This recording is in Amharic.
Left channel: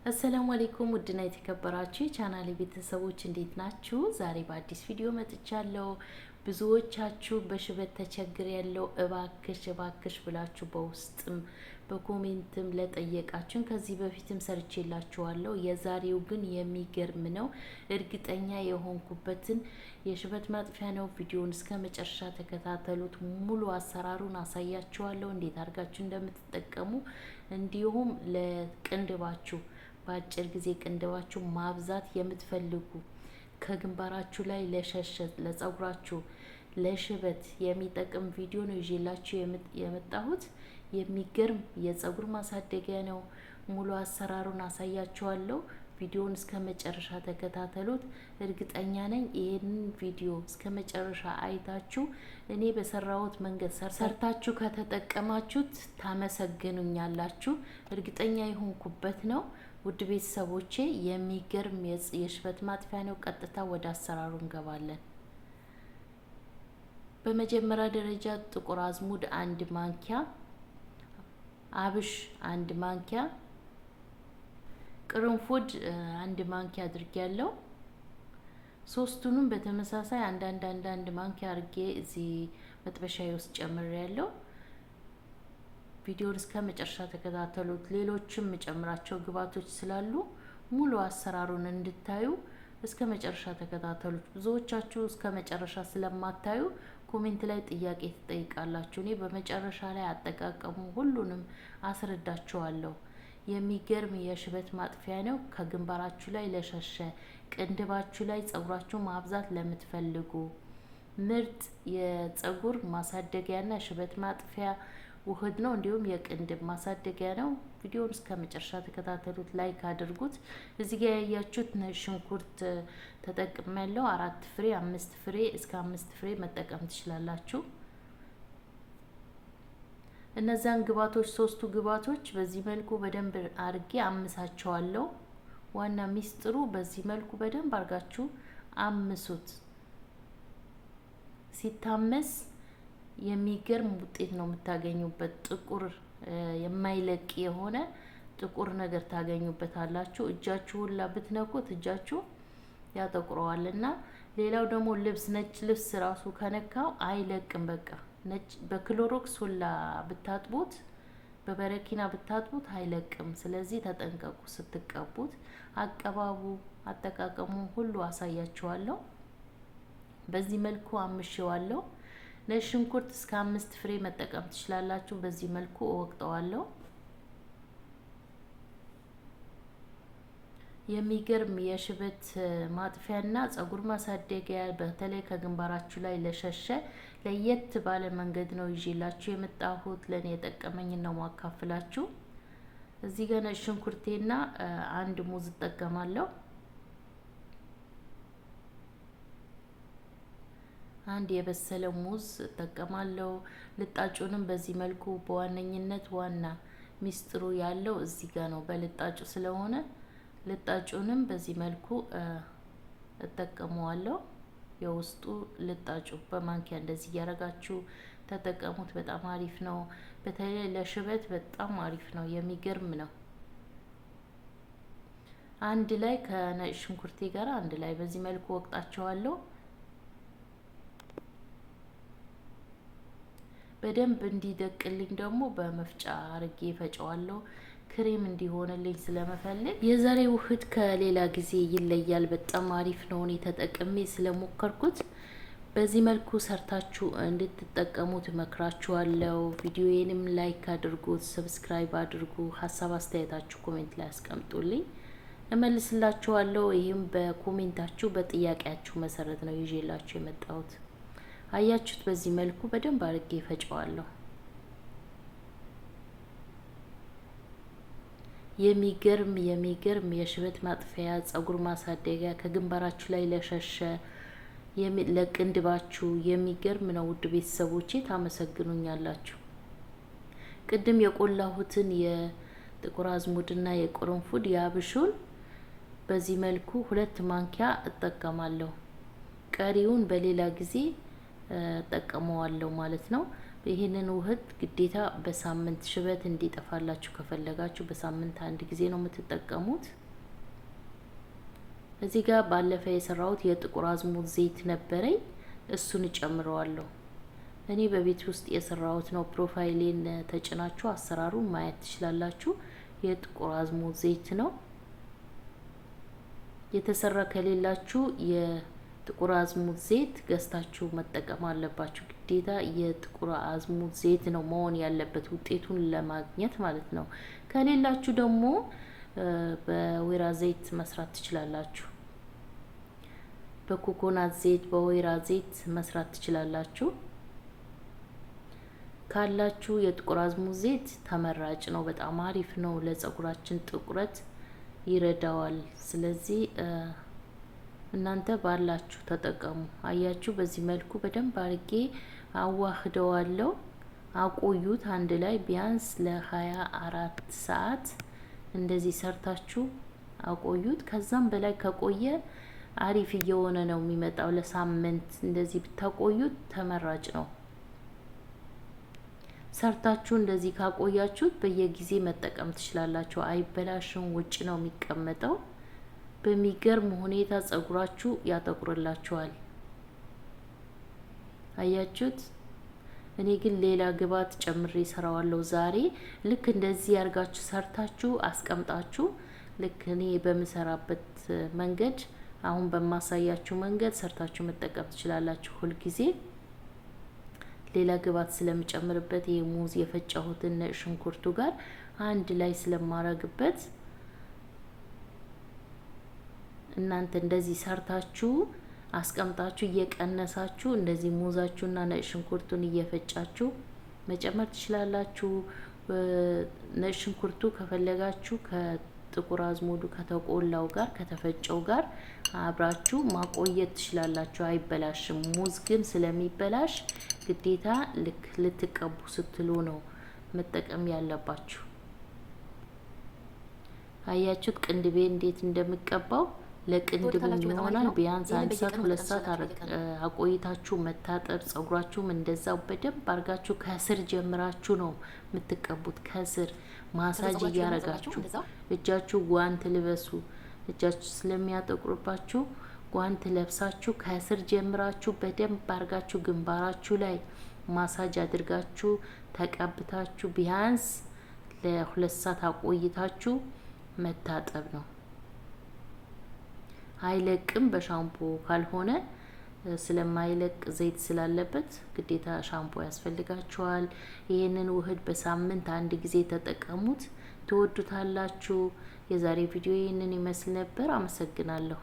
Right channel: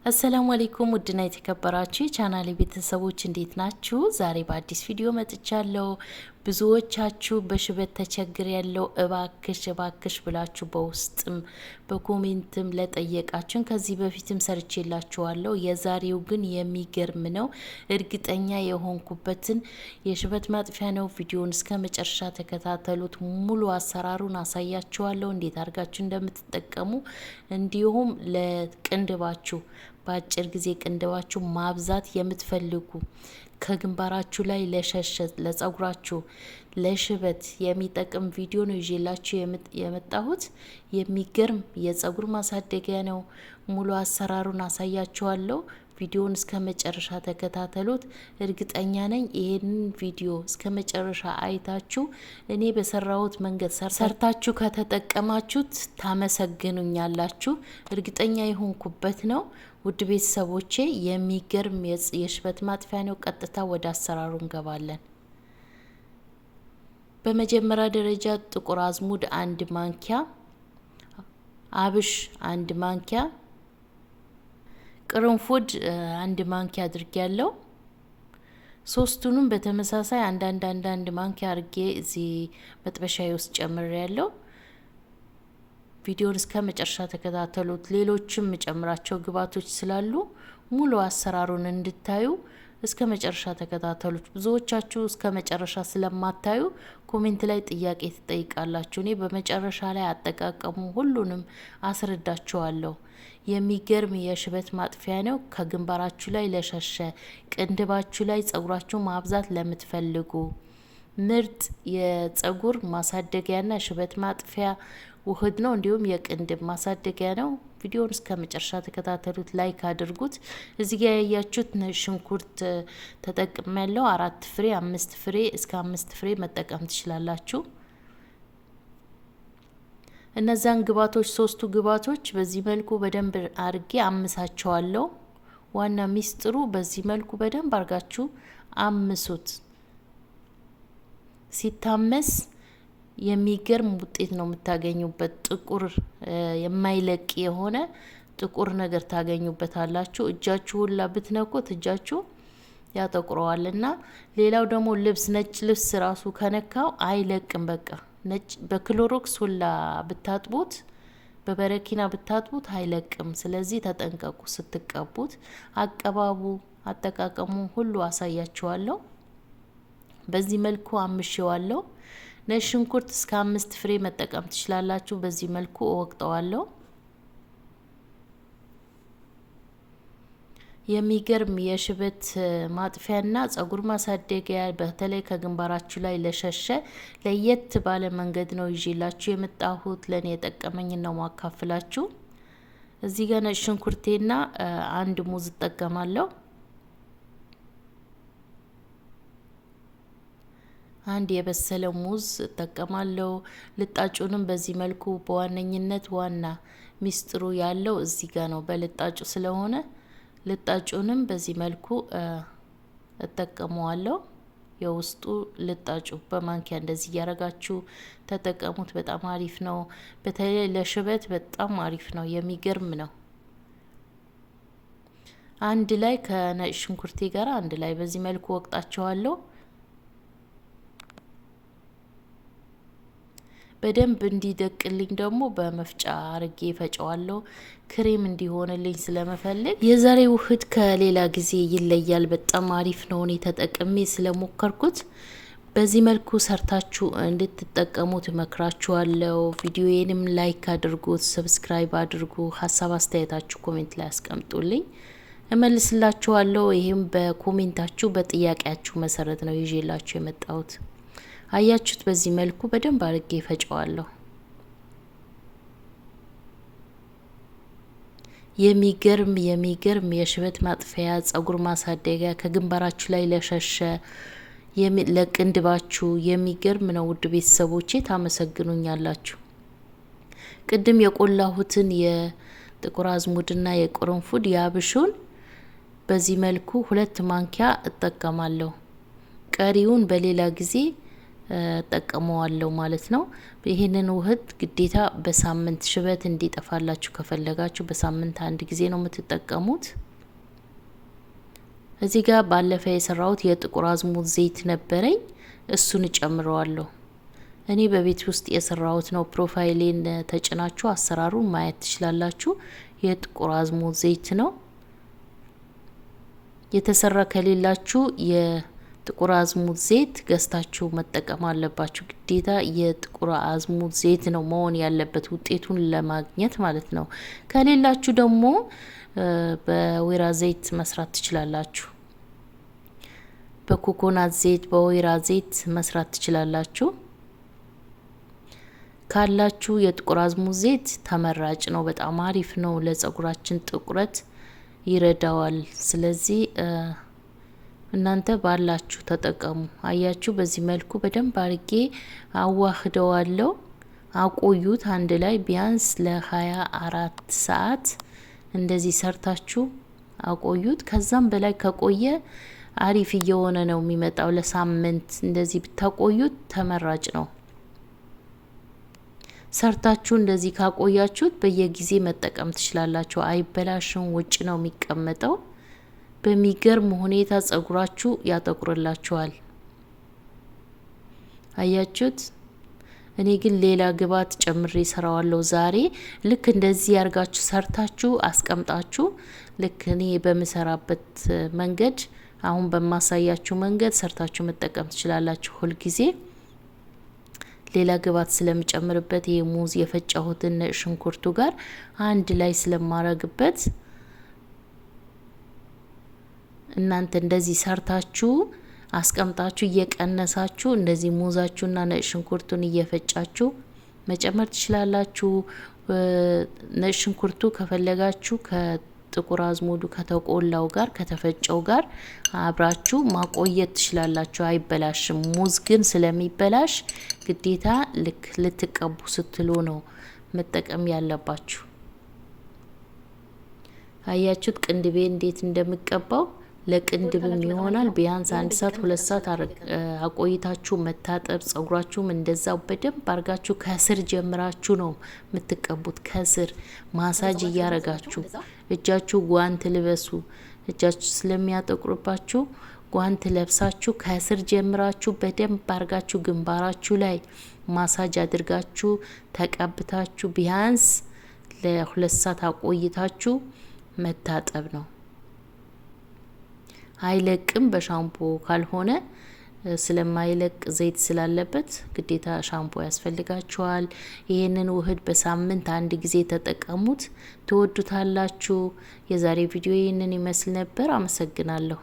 አሰላሙ አለይኩም ውድና የተከበራችሁ ቻናሌ ቤተሰቦች እንዴት ናችሁ? ዛሬ በአዲስ ቪዲዮ መጥቻለሁ። ብዙዎቻችሁ በሽበት ተቸግር ያለው እባክሽ ብላችሁ በውስጥም በኮሜንትም ለጠየቃችሁን ከዚህ በፊትም ሰርቼላችኋለሁ። የዛሬው ግን የሚገርም ነው። እርግጠኛ የሆንኩበትን የሽበት ማጥፊያ ነው። ቪዲዮውን እስከ መጨረሻ ተከታተሉት። ሙሉ አሰራሩን አሳያችኋለሁ፣ እንዴት አድርጋችሁ እንደምትጠቀሙ እንዲሁም ለቅንድባችሁ በአጭር ጊዜ ቅንድባችሁ ማብዛት የምትፈልጉ ከግንባራችሁ ላይ ለሸሸ ለጸጉራችሁ ለሽበት የሚጠቅም ቪዲዮ ነው ይዤላችሁ የመጣሁት። የሚገርም የጸጉር ማሳደጊያ ነው። ሙሉ አሰራሩን አሳያችኋለሁ። ቪዲዮውን እስከ መጨረሻ ተከታተሉት። እርግጠኛ ነኝ ይሄንን ቪዲዮ እስከ መጨረሻ አይታችሁ እኔ በሰራሁት መንገድ ሰርታችሁ ከተጠቀማችሁት ታመሰግኑኛላችሁ። እርግጠኛ የሆንኩበት ነው። ውድ ቤተሰቦቼ የሚገርም የሽበት ማጥፊያ ነው። ቀጥታ ወደ አሰራሩ እንገባለን። በመጀመሪያ ደረጃ ጥቁር አዝሙድ 1 ማንኪያ፣ አብሽ 1 ማንኪያ፣ ቅርንፉድ 1 ማንኪያ አድርጌያለሁ። ሶስቱንም በተመሳሳይ አንዳንድ ማንኪያ አድርጌ እዚህ መጥበሻዬ ውስጥ ጨምሬያለሁ። ቪዲዮን እስከ መጨረሻ ተከታተሉት። ሌሎችም መጨምራቸው ግብአቶች ስላሉ ሙሉ አሰራሩን እንድታዩ እስከ መጨረሻ ተከታተሉት። ብዙዎቻችሁ እስከ መጨረሻ ስለማታዩ ኮሜንት ላይ ጥያቄ ትጠይቃላችሁ። እኔ በመጨረሻ ላይ አጠቃቀሙ ሁሉንም አስረዳችኋለሁ። የሚገርም የሽበት ማጥፊያ ነው። ከግንባራችሁ ላይ ለሸሸ ቅንድባችሁ ላይ ጸጉራችሁ ማብዛት ለምትፈልጉ ምርጥ የጸጉር ማሳደጊያና ሽበት ማጥፊያ ውህድ ነው። እንዲሁም የቅንድብ ማሳደጊያ ነው። ቪዲዮውን እስከ መጨረሻ ተከታተሉት። ላይክ አድርጉት። እዚህ ጋር ያያችሁት ሽንኩርት ተጠቅሜያለሁ። 4 ፍሬ 5 ፍሬ እስከ 5 ፍሬ መጠቀም ትችላላችሁ። እነዛን ግብአቶች ሶስቱ ግብአቶች በዚህ መልኩ በደንብ አርጌ አምሳቸዋለሁ። ዋና ሚስጥሩ በዚህ መልኩ በደንብ አርጋችሁ አምሱት። ሲታመስ የሚገርም ውጤት ነው የምታገኙበት። ጥቁር የማይለቅ የሆነ ጥቁር ነገር ታገኙበታላችሁ። እጃችሁ ሁላ ብትነኩት እጃችሁ ያጠቁረዋልና። ሌላው ደግሞ ልብስ ነጭ ልብስ ራሱ ከነካው አይለቅም። በቃ ነጭ በክሎሮክስ ሁላ ብታጥቡት በበረኪና ብታጥቡት አይለቅም። ስለዚህ ተጠንቀቁ ስትቀቡት። አቀባቡ አጠቃቀሙ ሁሉ አሳያችኋለሁ። በዚህ መልኩ አምሼዋለሁ። ነጭ ሽንኩርት እስከ 5 ፍሬ መጠቀም ትችላላችሁ። በዚህ መልኩ እወቅጠዋለሁ። የሚገርም የሽበት ማጥፊያና ጸጉር ማሳደጊያ በተለይ ከግንባራችሁ ላይ ለሸሸ ለየት ባለ መንገድ ነው ይዤላችሁ የመጣሁት። ለኔ የጠቀመኝ ነው ማካፍላችሁ። እዚህ ጋር ነጭ ሽንኩርቴና 1 ሙዝ እጠቀማለሁ። 1 የበሰለ ሙዝ እጠቀማለሁ። ልጣጩንም በዚህ መልኩ በዋነኝነት ዋና ሚስጥሩ ያለው እዚህ ጋር ነው በልጣጩ ስለሆነ ልጣጩንም በዚህ መልኩ እጠቀመዋለሁ። የውስጡ ልጣጩ በማንኪያ እንደዚህ ያረጋችሁ ተጠቀሙት። በጣም አሪፍ ነው። በተለይ ለሽበት በጣም አሪፍ ነው። የሚገርም ነው። አንድ ላይ ከነጭ ሽንኩርቴ ጋር አንድ ላይ በዚህ መልኩ ወቅጣቸዋለሁ። በደንብ እንዲደቅልኝ ደግሞ በመፍጫ አርጌ ፈጨዋለሁ። ክሬም እንዲሆንልኝ ስለመፈለግ የዛሬ ውህድ ከሌላ ጊዜ ይለያል። በጣም አሪፍ ነው። እኔ ተጠቅሜ ስለሞከርኩት በዚህ መልኩ ሰርታችሁ እንድትጠቀሙት እመክራችኋለሁ። ቪዲዮዬንም ላይክ አድርጉት፣ ሰብስክራይብ አድርጉ። ሀሳብ አስተያየታችሁ ኮሜንት ላይ አስቀምጡልኝ፣ እመልስላችኋለሁ። ይሄም በኮሜንታችሁ በጥያቄያችሁ መሰረት ነው ይዤላችሁ የመጣሁት። አያችሁት? በዚህ መልኩ በደንብ አርጌ ፈጨዋለሁ። የሚገርም የሽበት ማጥፊያ ጸጉር ማሳደጊያ ከግንባራችሁ ላይ ለሸሸ ለቅንድባችሁ የሚገርም ነው። ውድ ቤተሰቦቼ ታመሰግኑኛላችሁ። ቅድም የቆላሁትን የጥቁር አዝሙድና የቅርንፉድ የአብሹን በዚህ መልኩ 2 ማንኪያ እጠቀማለሁ። ቀሪውን በሌላ ጊዜ ጠቀመዋለሁ ማለት ነው። ይሄንን ውህድ ግዴታ በሳምንት ሽበት እንዲጠፋላችሁ ከፈለጋችሁ በሳምንት አንድ ጊዜ ነው የምትጠቀሙት። እዚህ ጋር ባለፈ የሰራሁት የጥቁር አዝሙድ ዘይት ነበረኝ፣ እሱን እጨምረዋለሁ። እኔ በቤት ውስጥ የሰራሁት ነው። ፕሮፋይሌን ተጭናችሁ አሰራሩን ማየት ትችላላችሁ። የጥቁር አዝሙድ ዘይት ነው የተሰራ። ከሌላችሁ የጥቁር አዝሙድ ዘይት ገዝታችሁ መጠቀም አለባችሁ። ግዴታ የጥቁር አዝሙድ ዘይት ነው መሆን ያለበት ውጤቱን ለማግኘት ማለት ነው። ከሌላችሁ ደግሞ በወይራ ዘይት መስራት ትችላላችሁ። በኮኮናት ዘይት፣ በወይራ ዘይት መስራት ትችላላችሁ። ካላችሁ የጥቁር አዝሙድ ዘይት ተመራጭ ነው። በጣም አሪፍ ነው። ለጸጉራችን ጥቁረት ይረዳዋል። ስለዚህ እናንተ ባላችሁ ተጠቀሙ። አያችሁ፣ በዚህ መልኩ በደንብ አርጌ አዋህደዋለሁ። አቆዩት አንድ ላይ ቢያንስ ለ24 ሰዓት እንደዚህ ሰርታችሁ አቆዩት። ከዛም በላይ ከቆየ አሪፍ እየሆነ ነው የሚመጣው። ለሳምንት እንደዚህ ብታቆዩት ተመራጭ ነው። ሰርታችሁ እንደዚህ ካቆያችሁት በየጊዜ መጠቀም ትችላላችሁ። አይበላሽም። ውጭ ነው የሚቀመጠው። በሚገርም ሁኔታ ጸጉራችሁ ያጠቁርላችኋል። አያችሁት? እኔ ግን ሌላ ግብዓት ጨምሬ ሰራዋለሁ ዛሬ። ልክ እንደዚህ ያርጋችሁ ሰርታችሁ አስቀምጣችሁ ልክ እኔ በምሰራበት መንገድ አሁን በማሳያችሁ መንገድ ሰርታችሁ መጠቀም ትችላላችሁ። ሁል ጊዜ ሌላ ግብዓት ስለምጨምርበት ይሄ ሙዝ የፈጨሁትን ሽንኩርቱ ጋር አንድ ላይ ስለማረግበት እናንተ እንደዚህ ሰርታችሁ አስቀምጣችሁ እየቀነሳችሁ እንደዚህ ሙዛችሁና ነጭ ሽንኩርቱን እየፈጫችሁ መጨመር ትችላላችሁ። ነጭ ሽንኩርቱ ከፈለጋችሁ ከጥቁር አዝሙዱ ከተቆላው ጋር ከተፈጨው ጋር አብራችሁ ማቆየት ትችላላችሁ። አይበላሽም። ሙዝ ግን ስለሚበላሽ ግዴታ ልክ ልትቀቡ ስትሉ ነው መጠቀም ያለባችሁ። አያችሁት ቅንድቤ እንዴት እንደምቀባው? ለቅንድብም ይሆናል። ቢያንስ 1 ሰዓት 2 ሰዓት አቆይታችሁ መታጠብ። ጸጉራችሁም እንደዛው በደንብ አርጋችሁ ከስር ጀምራችሁ ነው የምትቀቡት። ከስር ማሳጅ እያረጋችሁ። እጃችሁ ጓንት ልበሱ። እጃችሁ ስለሚያጠቁርባችሁ ጓንት ለብሳችሁ ከስር ጀምራችሁ በደንብ አርጋችሁ ግንባራችሁ ላይ ማሳጅ አድርጋችሁ ተቀብታችሁ ቢያንስ ለ2 ሰዓት አቆይታችሁ መታጠብ ነው። አይለቅም። በሻምፖ ካልሆነ ስለማይለቅ ዘይት ስላለበት ግዴታ ሻምፖ ያስፈልጋችኋል። ይህንን ውህድ በሳምንት አንድ ጊዜ ተጠቀሙት፣ ትወዱታላችሁ። የዛሬ ቪዲዮ ይህንን ይመስል ነበር። አመሰግናለሁ።